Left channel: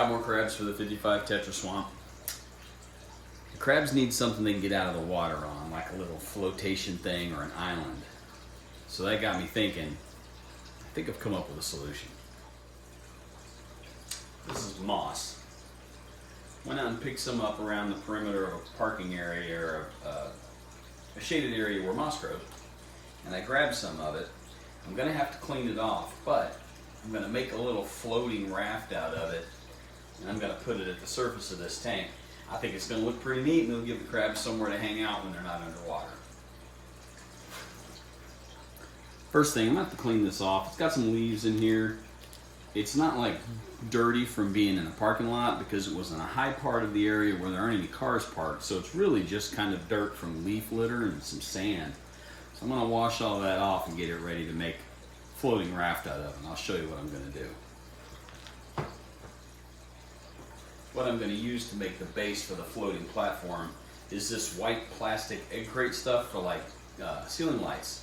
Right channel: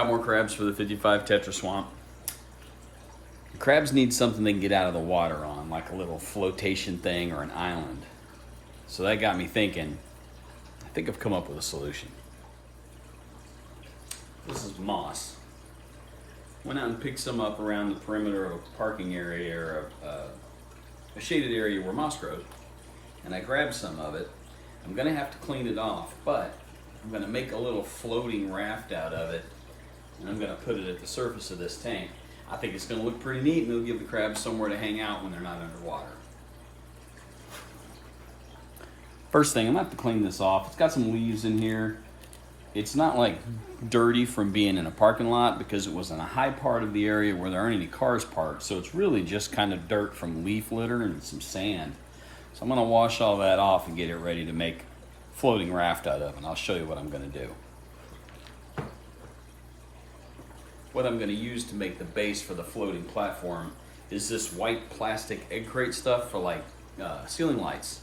Got more crabs for the 55 Tetra Swamp. The crabs need something they can get out of the water on, like a little flotation thing or an island. So that got me thinking, I think I've come up with a solution. This is moss. Went out and picked some up around the perimeter of a parking area or a shaded area where moss grows. And I grabbed some of it. I'm gonna have to clean it off, but I'm gonna make a little floating raft out of it, and I'm gonna put it at the surface of this tank. I think it's gonna look pretty neat, and it'll give the crabs somewhere to hang out when they're not underwater. First thing, I'm gonna have to clean this off. It's got some leaves in here. It's not like dirty from being in a parking lot because it was in a high part of the area where there aren't any cars parked, so it's really just kind of dirt from leaf litter and some sand. So I'm gonna wash all that off and get it ready to make floating raft out of, and I'll show you what I'm gonna do. What I'm gonna use to make the base for the floating platform is this white plastic egg crate stuff for like ceiling lights.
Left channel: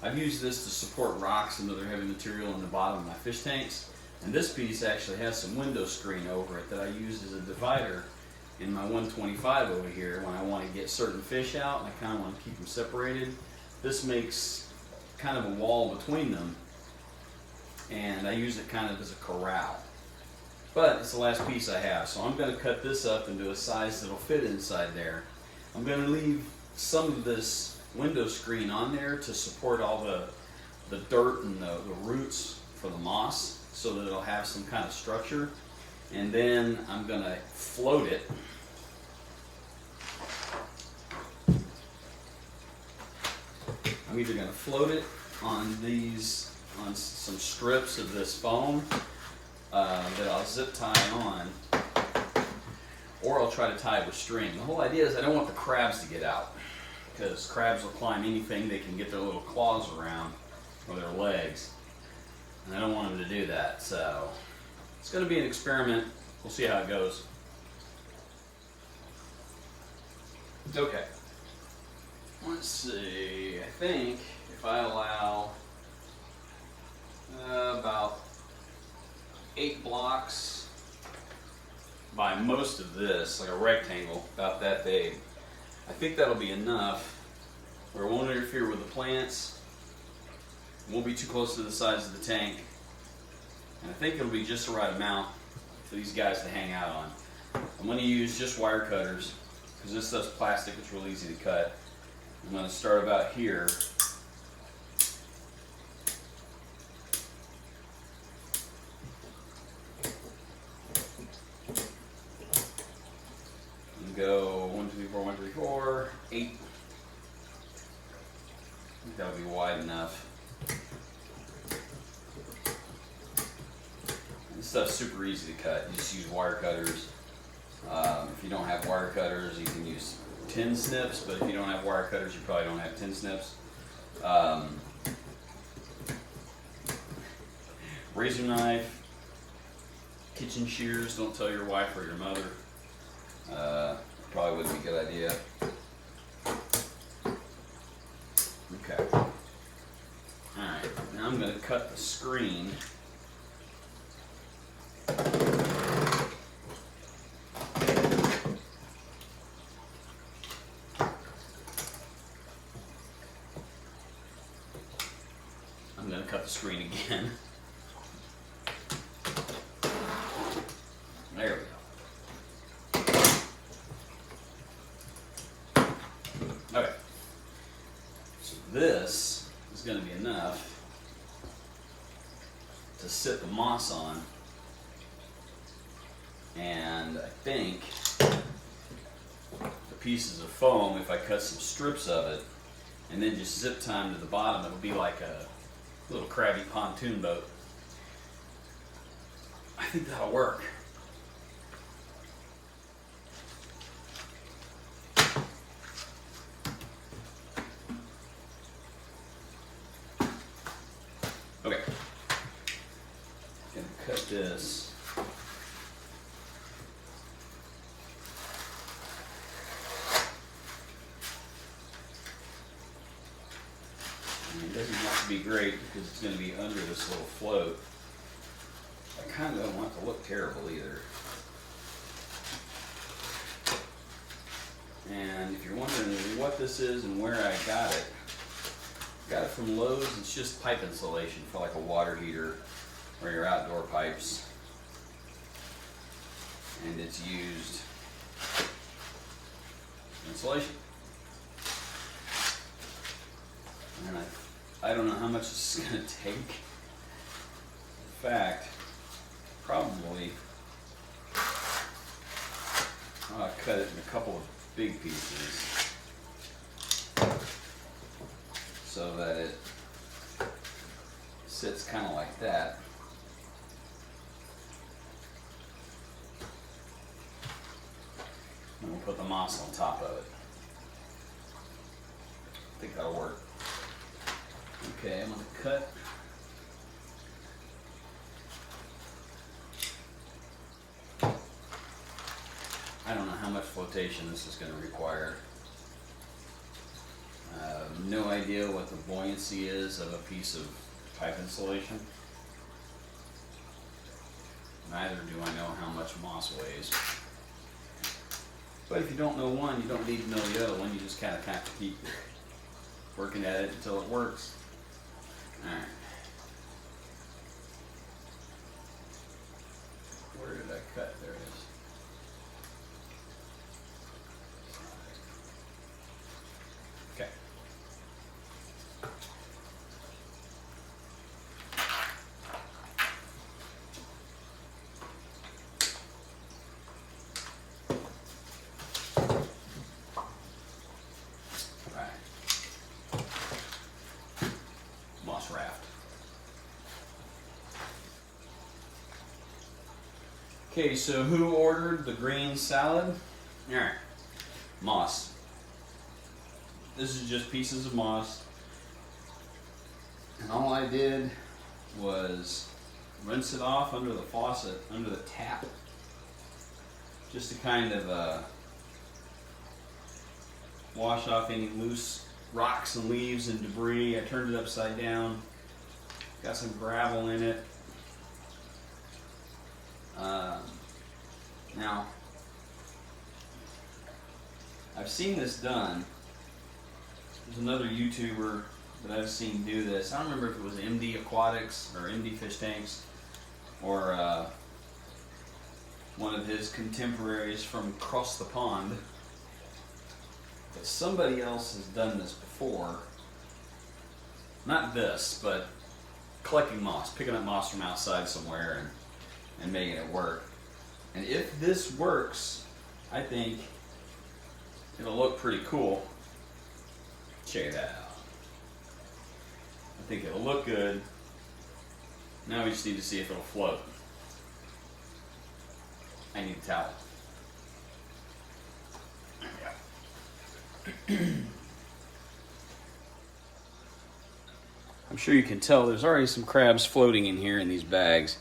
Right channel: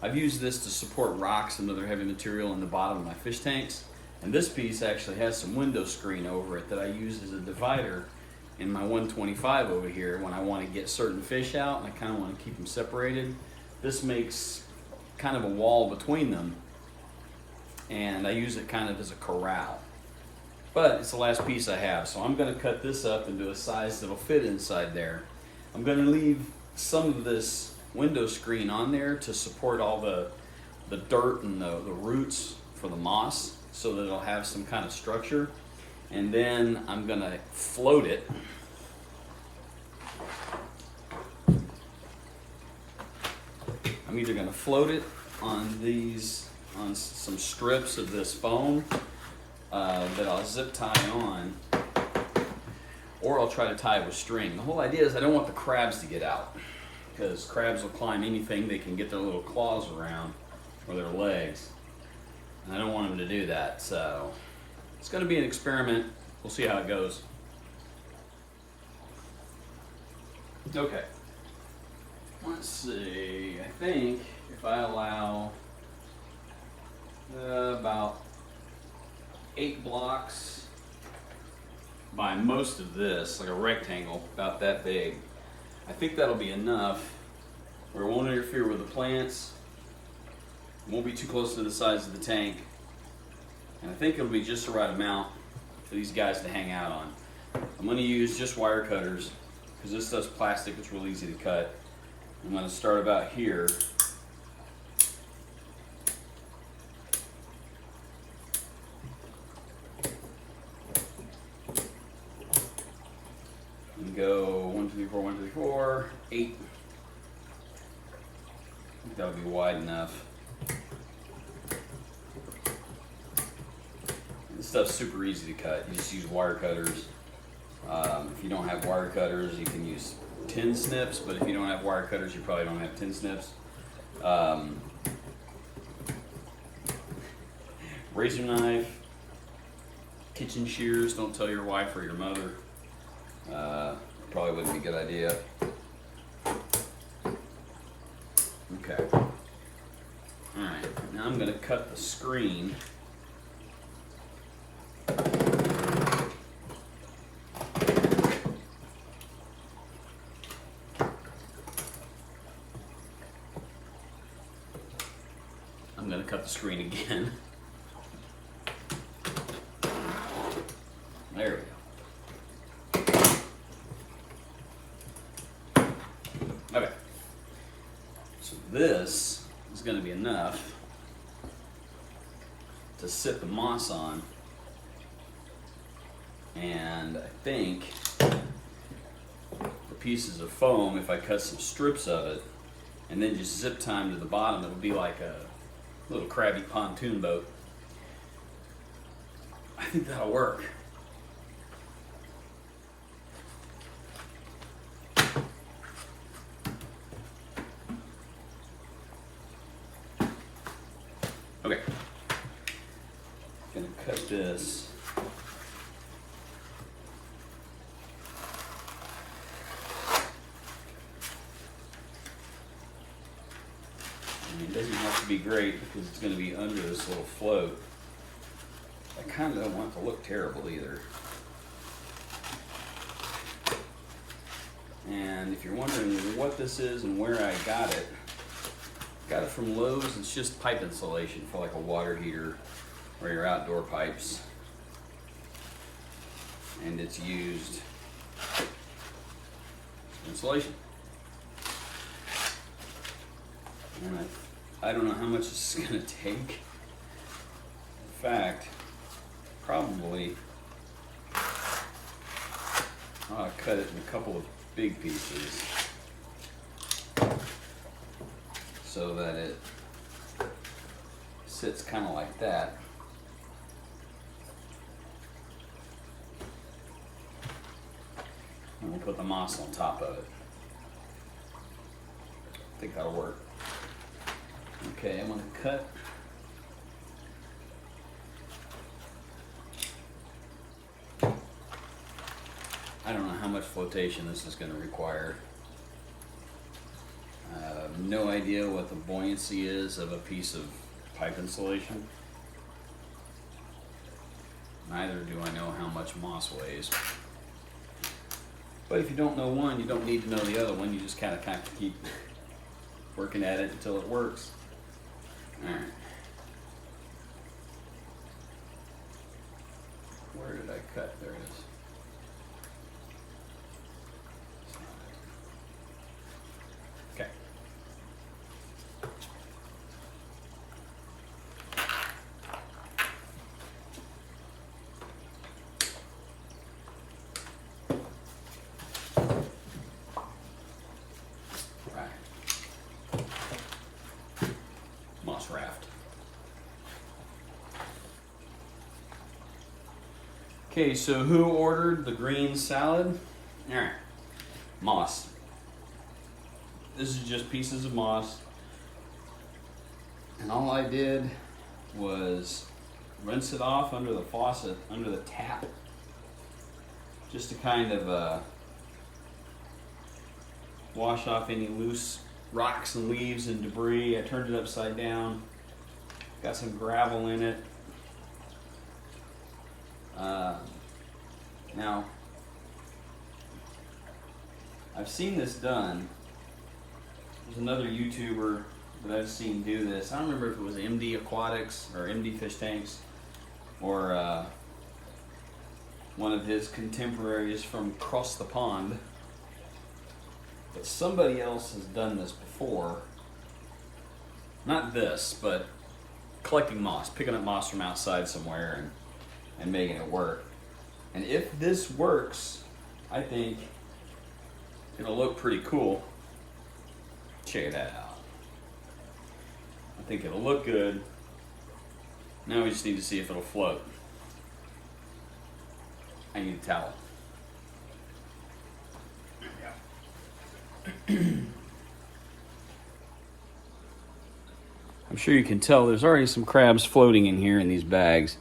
I've used this to support rocks and other heavy material in the bottom of my fish tanks, and this piece actually has some window screen over it that I use as a divider in my 125 over here when I want to get certain fish out and I kind of want to keep them separated. This makes kind of a wall between them, and I use it kind of as a corral. But it's the last piece I have, so I'm going to cut this up into a size that'll fit inside there. I'm going to leave some of this window screen on there to support all the dirt and the roots for the moss so that it'll have some kind of structure. And then I'm going to float it. I'm either going to float it on some strips of this foam that I'll zip tie on, or I'll try to tie it with string. The whole idea is I don't want the crabs to get out, because crabs will climb anything they can get their little claws around or their legs, and I don't want them to do that. So it's going to be an experiment. We'll see how it goes. Okay. Let's see, I think if I allow about 8 blocks by most of this, like a rectangle about that big, I think that'll be enough where it won't interfere with the plants, it won't be too close to the size of the tank, and I think it'll be just the right amount for these guys to hang out on. I'm going to use just wire cutters because this stuff's plastic, it's real easy to cut. I'm going to start about here. And go 1, 2, 3, 4, 1, 2, 3, 4, 8. I think that'll be wide enough. And this stuff's super easy to cut. You just use wire cutters. If you don't have wire cutters, you can use tin snips, but if you don't have wire cutters, you probably don't have tin snips. Razor knife, kitchen shears, don't tell your wife or your mother. Probably wouldn't be a good idea. Okay. Alright, now I'm going to cut the screen. I'm going to cut the screen again. There we go. Okay. So this is going to be enough to sit the moss on. And I think the pieces of foam, if I cut some strips of it and then just zip tie them to the bottom, it'll be like a little crabby pontoon boat. I think that'll work. Okay. I'm gonna cut this. And it doesn't have to be great because it's going to be under this little float. I kind of don't want it to look terrible either. And if you're wondering what this is and where I got it from Lowe's. It's just pipe insulation for like a water heater or your outdoor pipes. And it's used insulation. And I don't know how much this is going to take. In fact, probably I'll cut it in a couple of big pieces so that it sits kind of like that. And we'll put the moss on top of it. I think that'll work. Okay, I'm going to cut. I don't know how much flotation this is going to require. No idea what the buoyancy is of a piece of pipe insulation. Neither do I know how much moss weighs. But if you don't know one, you don't need to know the other one. You just kind of keep working at it until it works. All right. Where did I cut? There it is. Okay. Moss raft. Okay, so who ordered the green salad? All right, moss. This is just pieces of moss. And all I did was rinse it off under the faucet, under the tap, just to kind of wash off any loose rocks and leaves and debris. I turned it upside down, got some gravel in it. Now, I've seen this done. There's another YouTuber that I've seen do this. I don't remember if it was MD Aquatics or MD Fish Tanks or one of his contemporaries from across the pond. But somebody else has done this before. Not this, but collecting moss, picking up moss from outside somewhere and making it work. And if this works, I think it'll look pretty cool. Check that out. I think it'll look good. Now we just need to see if it'll float. I need a towel. I'm sure you can tell there's already some crabs floating in here in these bags.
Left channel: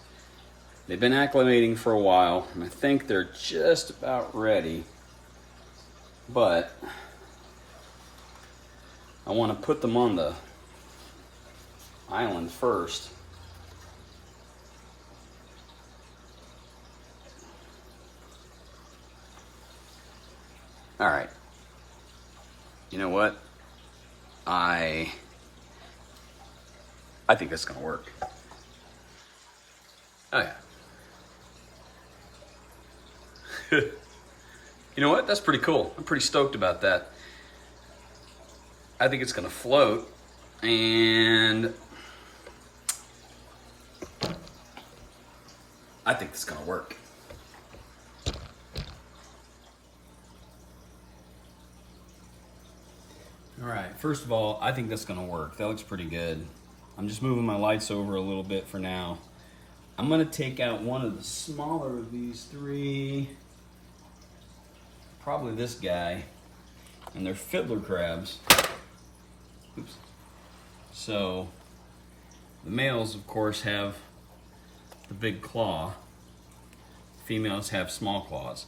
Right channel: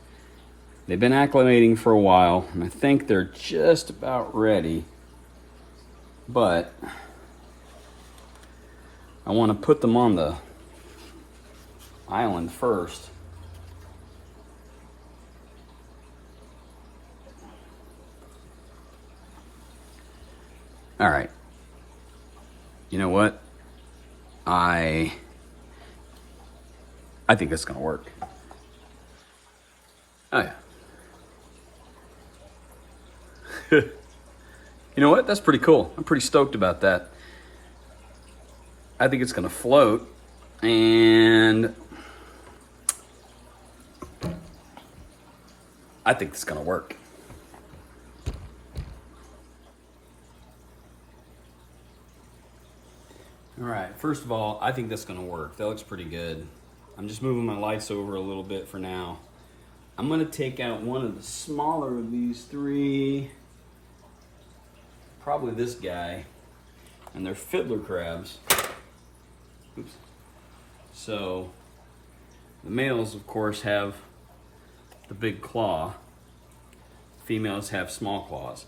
They've been acclimating for a while, and I think they're just about ready. But I want to put them on the island first. All right. You know what? I think that's gonna work. All right. You know what? That's pretty cool. I'm pretty stoked about that. I think it's gonna float, and I think it's gonna work. All right, first of all, I think that's gonna work. That looks pretty good. I'm just moving my lights over a little bit for now. I'm gonna take out one of the smaller of these three, probably this guy, and they're fiddler crabs. Oops. So, the males, of course, have the big claw. Females have small claws.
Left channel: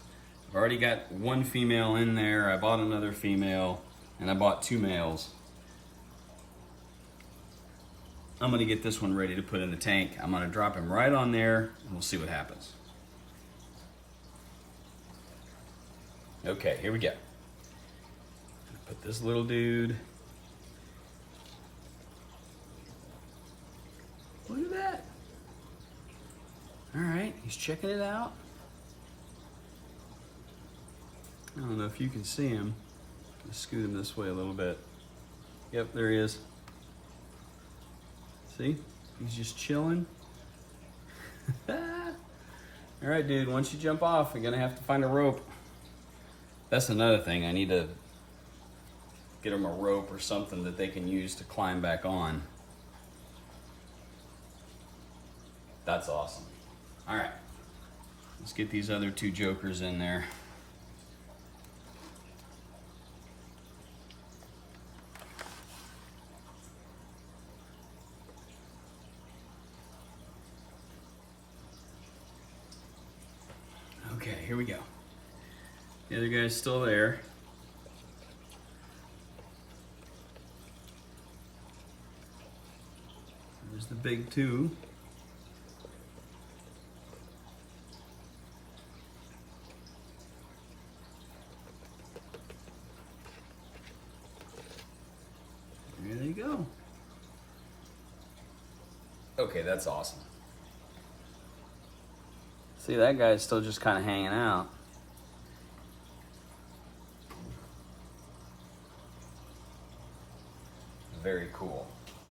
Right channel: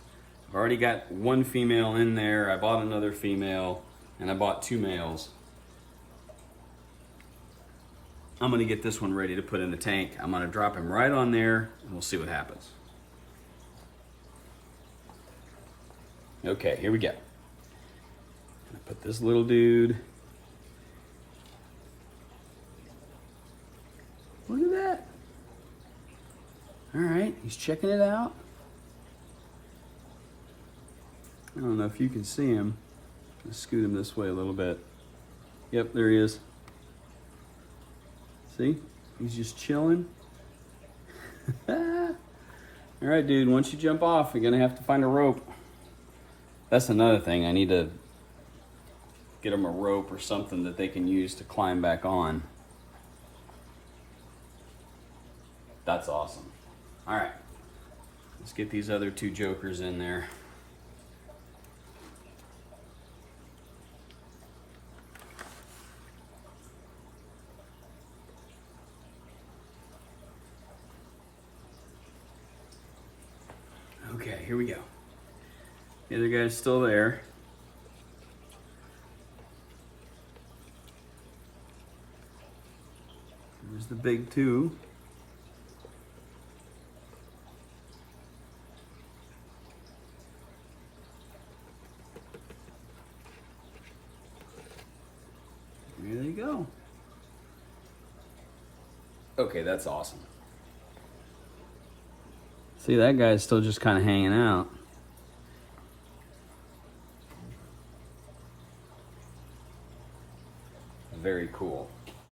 I've already got one female in there. I bought another female, and I bought two males. I'm gonna get this one ready to put in the tank. I'm gonna drop him right on there and we'll see what happens. Okay, here we go. Put this little dude. Look at that. All right, he's checking it out. I don't know if you can see him. Let's scoot him this way a little bit. Yep, there he is. See? He's just chilling. All right, dude, once you jump off, you're gonna have to find a rope. That's another thing. I need to get them a rope or something that they can use to climb back on. That's awesome. All right, let's get these other two jokers in there. Okay, here we go. The other guy's still there. There's the big two. There they go. Okay, that's awesome. See, that guy's still just kind of hanging out. Very cool.